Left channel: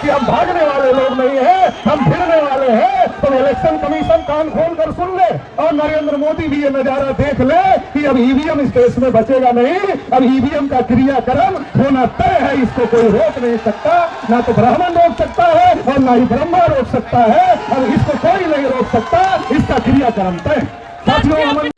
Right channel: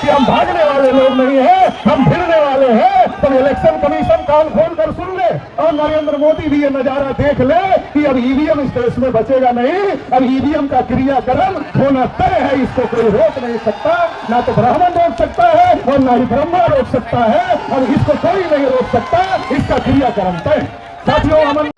कि हम भागने वाले लोग नहीं हैं, हम फिरने वाले हैं। तो इलेक्शन कमीशन कान खोल कर सुन ले और नरेंद्र मोदी भी ये नजारा देख ले कि अब ईवीएम इस देश में बचेगा नहीं। अब ईवीएम का क्रियाकर्म होना तय है, इसको कोई रोक नहीं सकता, ना तो ब्राह्मण रोक सकता है और ना ही ब्रह्मा रोक सकता है। अब इसको कोई नहीं रोक सकता, इसका क्रियाकर्म तय। साथियों अमन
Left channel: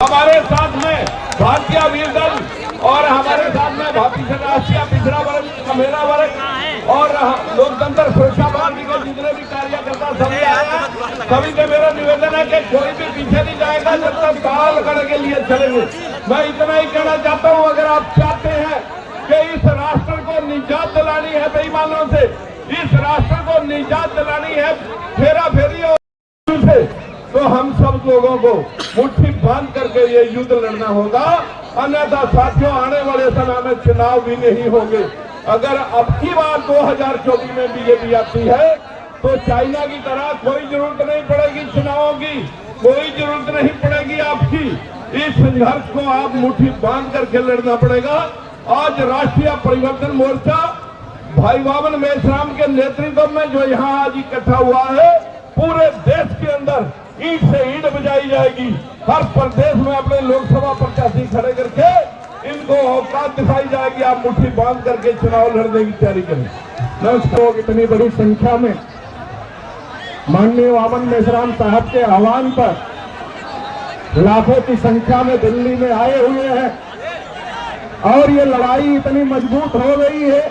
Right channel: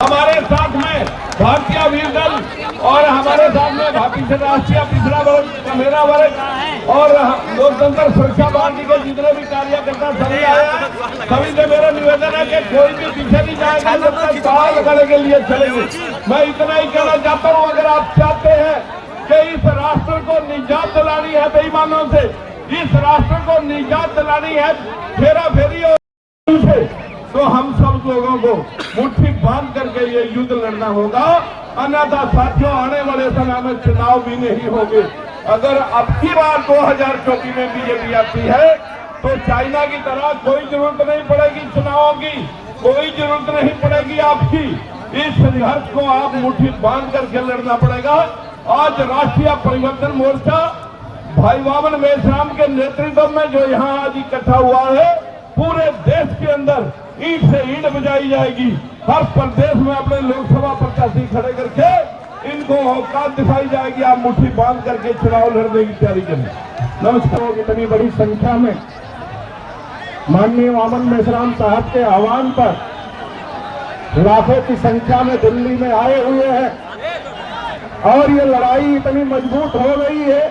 हमारे साथ में भारतीय वीर दल और हमारे साथ में राष्ट्रीय पिछड़ा वर्ग, मेरा वर्ग और लोकतंत्र सुरक्षा पार्टी के जितने भी कार्यकर्ता सभी का मेरा निवेदन है कि कोई भी पीछे नहीं जाएगा जब तक सवाल करने के लिए चलेंगे। मैं इतना ही कहना चाहता हूँ, अगर आप चाहते हैं कि इस राष्ट्र को निजात दिलानी है बेईमानों से, इस राष्ट्र को निजात दिलानी है फेरा फेरी और तो हम सब लोगों को मुट्ठी बांध करके ये युद्ध लड़ना होगा। अन्यथा साथियों आने वाले समय में चुनाव भी नहीं होंगे। अगर अब की बार 2024 में बीजेपी आती है तो चाइना की तरह कोई जरूरत नहीं पड़ेगी चुनावों की, कोई जरूरत नहीं पड़ेगी आपकी। इस संघर्ष को आप मुट्ठी बांध करके लड़ना पड़ेगा। आज राष्ट्रीय परिवर्तन मोर्चा भाई वामन मेश्राम के नेतृत्व में जो यहाँ आज इकट्ठा हुआ है, पूरे देश के अंदर ईंट से ईंट बजाई जाएगी। हर प्रदेश में अपने लोकसभा प्रत्याशी खड़े करके इनको औकात दिखाई जाएगी। आप मुट्ठी बांध करके चुनाव लड़ने की तैयारी करें। नमस्कार। इतनी बड़ी संख्या में माननीय वामन मेश्राम साहब के आह्वान पर लाखों की संख्या में दिल्ली में आए हुए हैं और ये लड़ाई इतनी मजबूत हो गई है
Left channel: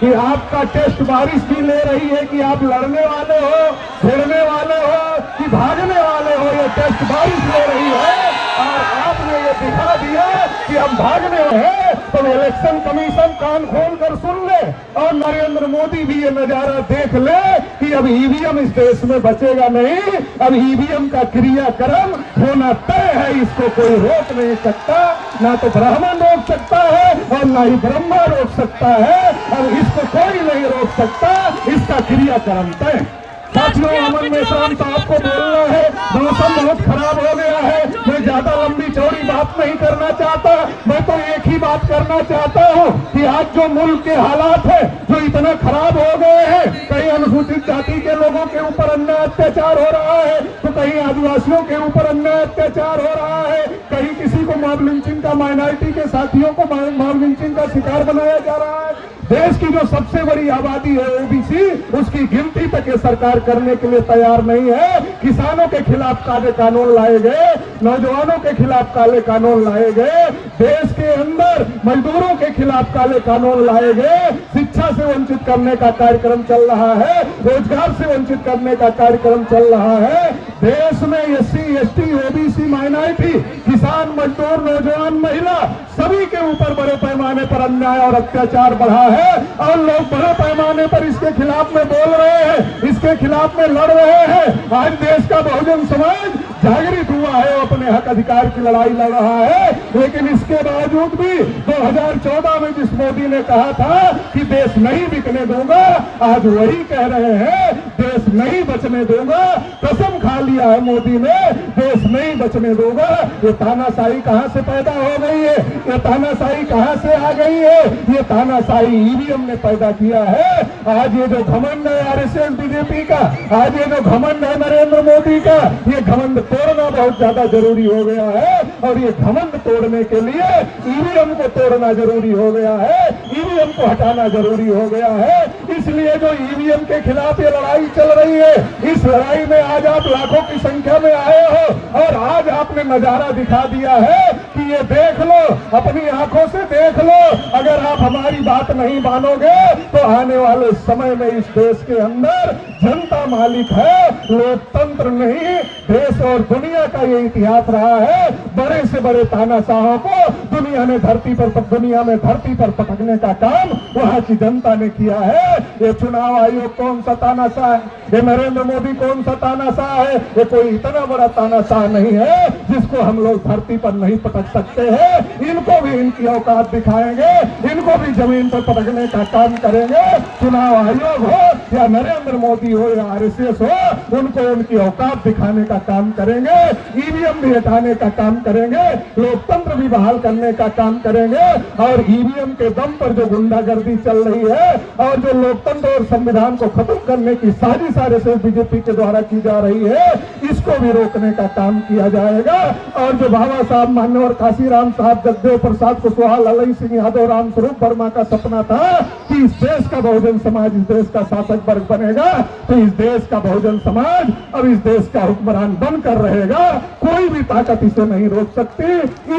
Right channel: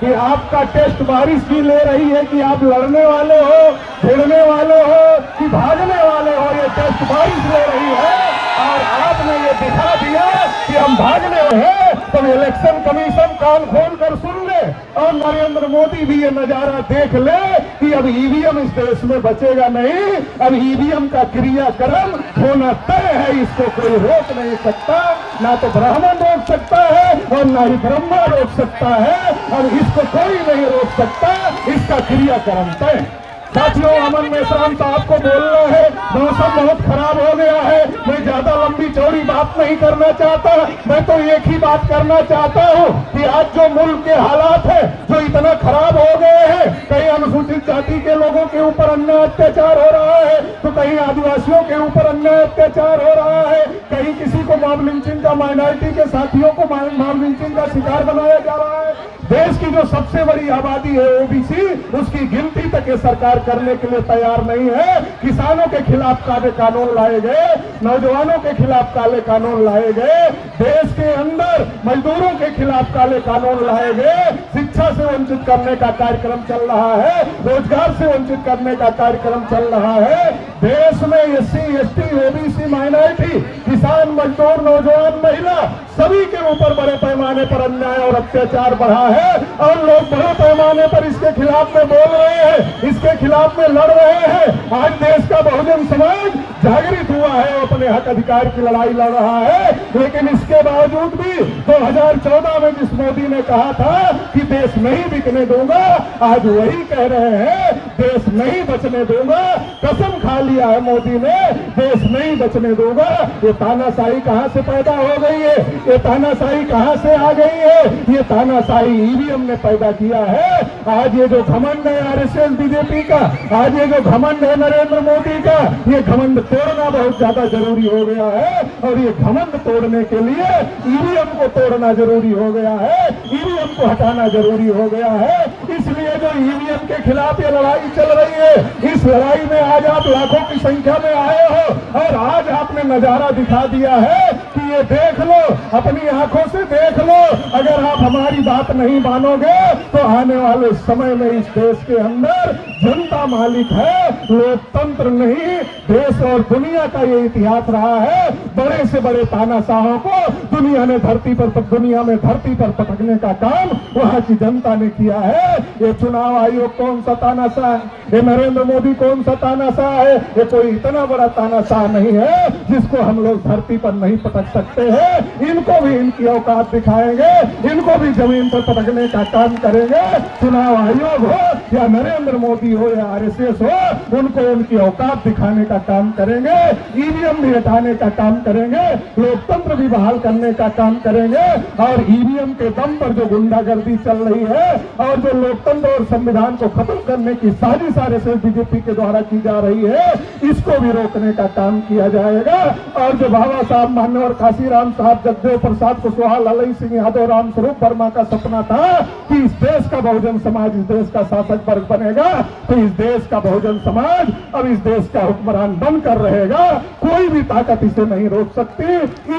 कि आपका टेस्ट बारिश भी ले रही है कि आप लड़ने वाले हो, भिड़ने वाले हो कि भागने वाले हो। ये टेस्ट बारिश ले रही है और आपने ये दिखा दिया कि हम भागने वाले हैं। तो इलेक्शन कमीशन कान खोल कर सुन ले और नरेंद्र मोदी भी ये नजारा देख ले कि अब ईवीएम इस देश में बचेगा नहीं। अब ईवीएम का क्रियाकर्म होना तय है, इसको कोई रोक नहीं सकता, ना तो ब्राह्मण रोक सकता है और ना ही ब्रह्मा रोक सकता है। और इसको कोई नहीं रोक सकता, इसका क्रियाकर्म तय। साथियों अमन मेश्राम साहब को बोलना है, मौसम बहुत खराब हो गया है। मैं ज्यादा लंबी चौड़ी बात नहीं करना चाहता, मैं तो एक ही बात करना चाहता हूँ कि आज जो मुल्क के हालात है जो इतना खराब हो गए हैं, कहीं अनुसूचित जाति के लोगों के ऊपर अन्याय अत्याचार हो रहा है तो कहीं आदिवासियों के ऊपर अन्याय अत्याचार हो रहा है, कहीं किसी को मॉब लिंचिंग का, माइनॉरिटी के साथियों को मॉब लिंचिंग का शिकार बनाया जा रहा है। देश की जो सबसे बड़ी आबादी है ओबीसी, उसकी गिनती तक ये सरकार करने के लिए तैयार नहीं है। किसानों के खिलाफ काले कानून लाए गए, नौजवानों के खिलाफ काले कानून लाए गए, देश के अंदर मजदूरों के खिलाफ काले कानून लाए गए, शिक्षा से वंचित करने का कार्यक्रम चल रहा है, रोजगार से वंचित करने का कार्यक्रम चल रहा है। देश में एससी, एसटी, ओबीसी, माइनॉरिटी, किसान, मजदूर, नौजवान, महिला सभी के ऊपर बड़े पैमाने पर अन्याय और अत्याचार बढ़ा है और लोग बड़े पैमाने पर इसके खिलाफ में बोल रहे हैं, इसके खिलाफ में लड़ रहे हैं। आज देश का बहुजन समाज जागृत हुआ है, अपने हक अधिकार की लड़ाई लड़ रहा है। लेकिन इसके बावजूद भी 2014 में जिस मोदी ने कहा था कि देश नहीं बिकने दूंगा, आज वही कह रहे हैं देश नहीं बचने दूंगा। कसम खा लिया है मोदी ने, देश नहीं बचने दूंगा। ये तानाशाही कहां से पैदा हो गई है, ये तानाशाही कहां से आ गई है? ये तानाशाही ईवीएम ने पैदा किया है। आज ये जो घमंड है आरएसएस बीजेपी का, आज ये जो घमंड है नरेंद्र मोदी का, ये घमंड तोड़ना बहुत ज्यादा जरूरी हो गया है। और ये घमंड तोड़ने के लिए ईवीएम को तोड़ना जरूरी हो गया है, ईवीएम को हटाना जरूरी हो गया है। इसलिए जो ईवीएम के खिलाफ ये लड़ाई चल रही है, इस लड़ाई में आज आप लाखों की संख्या में आए हो और आज आपने नजारा दिखा दिया है कि ये देख लो, अपनी आंखों से देख लो। अगर आप हमारी बात नहीं मानोगे तो आने वाले समय में इस देश के अंदर जनता मालिक है, लोकतंत्र नहीं। देश और दुनिया का ये इतिहास रहा है, बड़े से बड़े तानाशाहों को दुनिया में धरती पर पटकने का काम वहां की जनता ने किया है। ये चुनाव आयोग कौन सा तानाशाह है? ये नरेंद्र मोदी कौन सा तानाशाह है? ये कोई इतना बड़ा तानाशाह नहीं है जिसको हम लोग धरती पर नहीं पटक सकते हैं। इनको भी इनकी औकात दिखाएंगे, इनको भी जमीन पर पटकने का काम करेंगे। चुनाव आयोग हो या नरेंद्र मोदी हो या आरएसएस हो, उनको उनकी औकात दिखाने का काम करेंगे। ईवीएम भी हटाने का काम करेंगे, लोकतंत्र भी बहाल करने का काम करेंगे। और ईवीएम के दम पर जो गुंडागर्दी चल रही है और जो लोकतंत्र और संविधान को खत्म करने की साजिश आरएसएस बीजेपी के द्वारा की जा रही है, इसको भी रोकने का काम किया जाएगा। और जो बाबा साहब मान्यवर काशीराम साहब, जगदेव प्रसाद कुशवाहा, ललई सिंह यादव, रामस्वरूप वर्मा का सपना था कि इस देश का बहुजन समाज इस देश का शासक वर्ग बनेगा, तो इस देश का बहुजन समाज अब इस देश का हुक्मरान बनकर रहेगा। कोई भी ताकत इसे नहीं रोक सकती।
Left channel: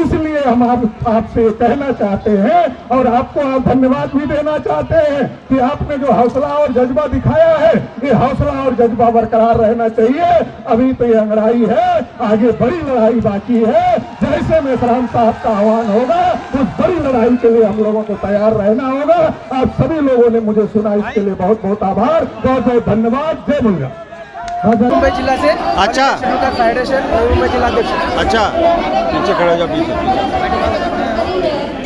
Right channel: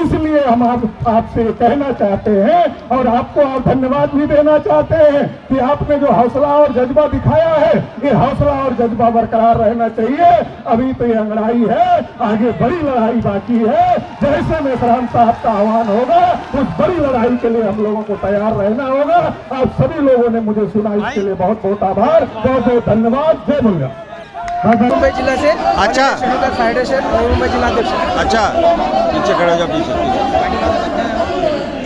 इसलिए हम आपसे कहना चाहते हैं और आपको आप धन्यवाद भी देना चाहते हैं कि आपने जो हौसला और जज्बा दिखाया है, ये हौसला और जज्बा बरकरार रहना चाहिए। अभी तो ये लड़ाई है, आगे बड़ी लड़ाई बाकी है। जैसे मेसराम साहब का आह्वान होगा, उस बड़ी लड़ाई के लिए हम लोगों को तैयार रहना होगा। आप सभी लोगों ने मुझे सुना, इसके लिए बहुत बहुत आभार, बहुत बहुत धन्यवाद। जय मुंगा। मुंबई जिला से अच्छा। फेडरेशन मुंबई जिला अध्यक्ष। अच्छा, पीछे खड़े हो जाओ, पीछे।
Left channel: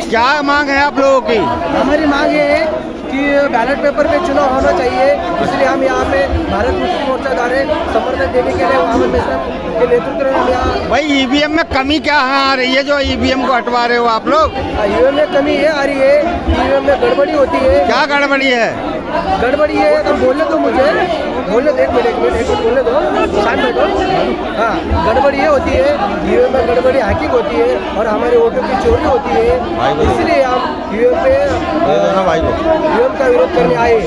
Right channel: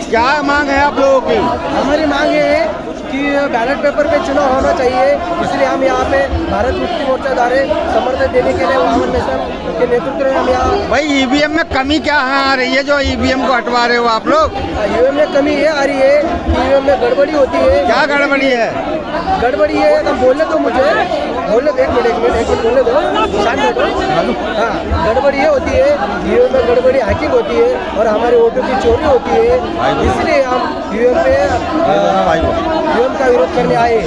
क्या मांग है आप लोगों की? हमारी मांग ये है कि बैलेट पेपर पे चुनाव होना चाहिए, इसलिए हम यहाँ पे भारत मुक्ति मोर्चा द्वारा समर्थन देने के लिए वामन मिश्रा के नेतृत्व में हम यहाँ। भाई ईवीएम में कमी क्या आ रही है जो ईवीएम को हटवा रहे हो आप लोग? ईवीएम में कमी ये आ रही है कि ईवीएम में गड़बड़ी होती है। क्या गड़बड़ी है? गड़बड़ी है तो बोलने दो मुझे, बोलने दो, एक मिनट बोलने दो, शांत बैठो। हाँ, गड़बड़ी ये होती है, ईवीएम में गड़बड़ी हैकिंग होती है और हमारे वोटों की चोरी होती है, इसलिए हम ईवीएम पे ईवीएम का विरोध करने आए।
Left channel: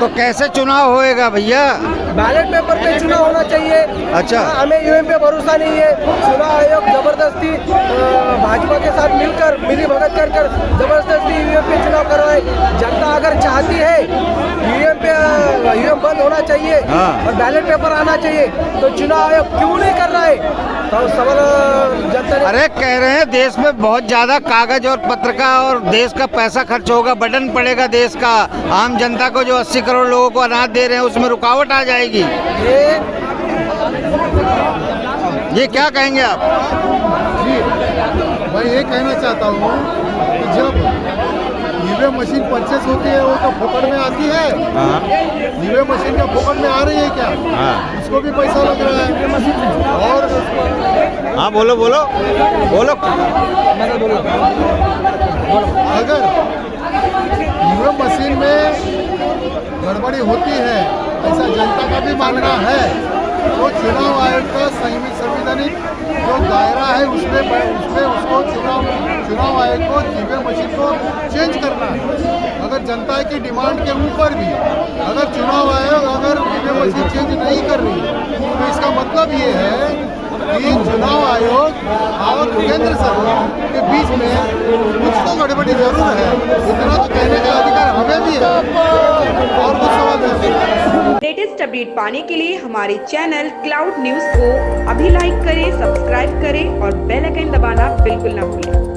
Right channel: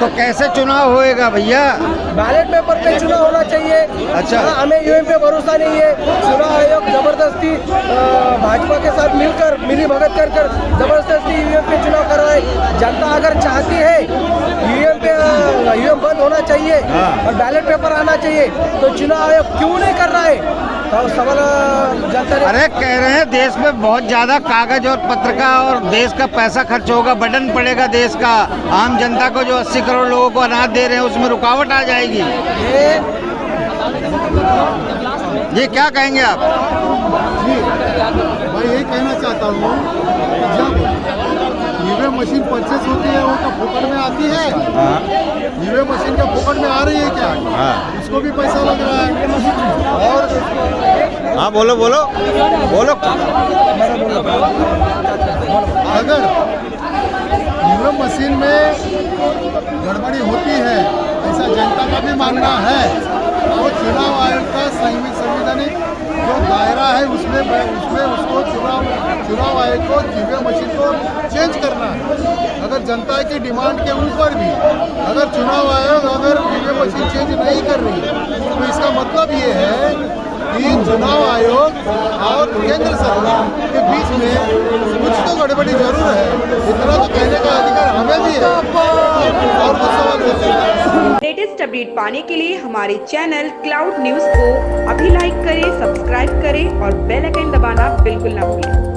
तो कैसे चुनाव होएगा भैया? बैलेट पेपर पे चुनाव होना चाहिए। अच्छा। हाँ, हमें ईवीएम पे भरोसा नहीं है। चुनाव आयोग जबरदस्ती भाजपा के साथ मिलकर मिली भगत कर जबरदस्ती ईवीएम पे चुनाव करवाए। जनता अगर चाहती है ईवीएम बंद होना चाहिए और बैलेट पेपर आना चाहिए, तो चुनाव आयोग क्यों नहीं कर रहा है? तो सवाल जनता ने। अरे कह रहे हैं देश में बहुत ज्यादा कागज और पत्र का और देश का पैसा खर्च होगा, बर्डन पड़ेगा देश का। आम जनता को जो 80 करोड़ लोगों को अनाज दे रहे हैं उसमें रुकावट आ जाएगी। ये क्या कहेंगे आप? जी, मैं ये कहना चाहता हूँ, जब ईवीएम मशीन परचेस होती है वो तो फोकट में आती है। ईवीएम मशीन क्या फोकट में आ रही है क्या? उसको भी पैसा लग रहा है। और हाँ, बोलो बोलो बोलो। अगर ईवीएम मशीन में गड़बड़ी होती है, ऐसा जनता का भी मानना है, तो चुनाव आयोग का संवैधानिक जो दायरा है उसमें उसको चुनाव आयोग को ईवीएम मशीन को चेंज करना है। अगर जनता की डिमांड के ऊपर भी अगर चुनाव आयोग अगर ईवीएम मशीन चेंज नहीं कर रही है, तो इसका मतलब ये है कि चुनाव आयोग और केंद्र सरकार के बीच में कुछ तो गड़बड़ी जरूर है। इतना तो कहने का अधिकार हमें भी है। और कुछ सवाल है? लेटेस्ट अपडेट पाने के लिए हमारे चैनल क्लाउड न्यूज को अभी लाइक करें, सब्सक्राइब करें और बेल आइकन दबाना बिल्कुल ना भूलें।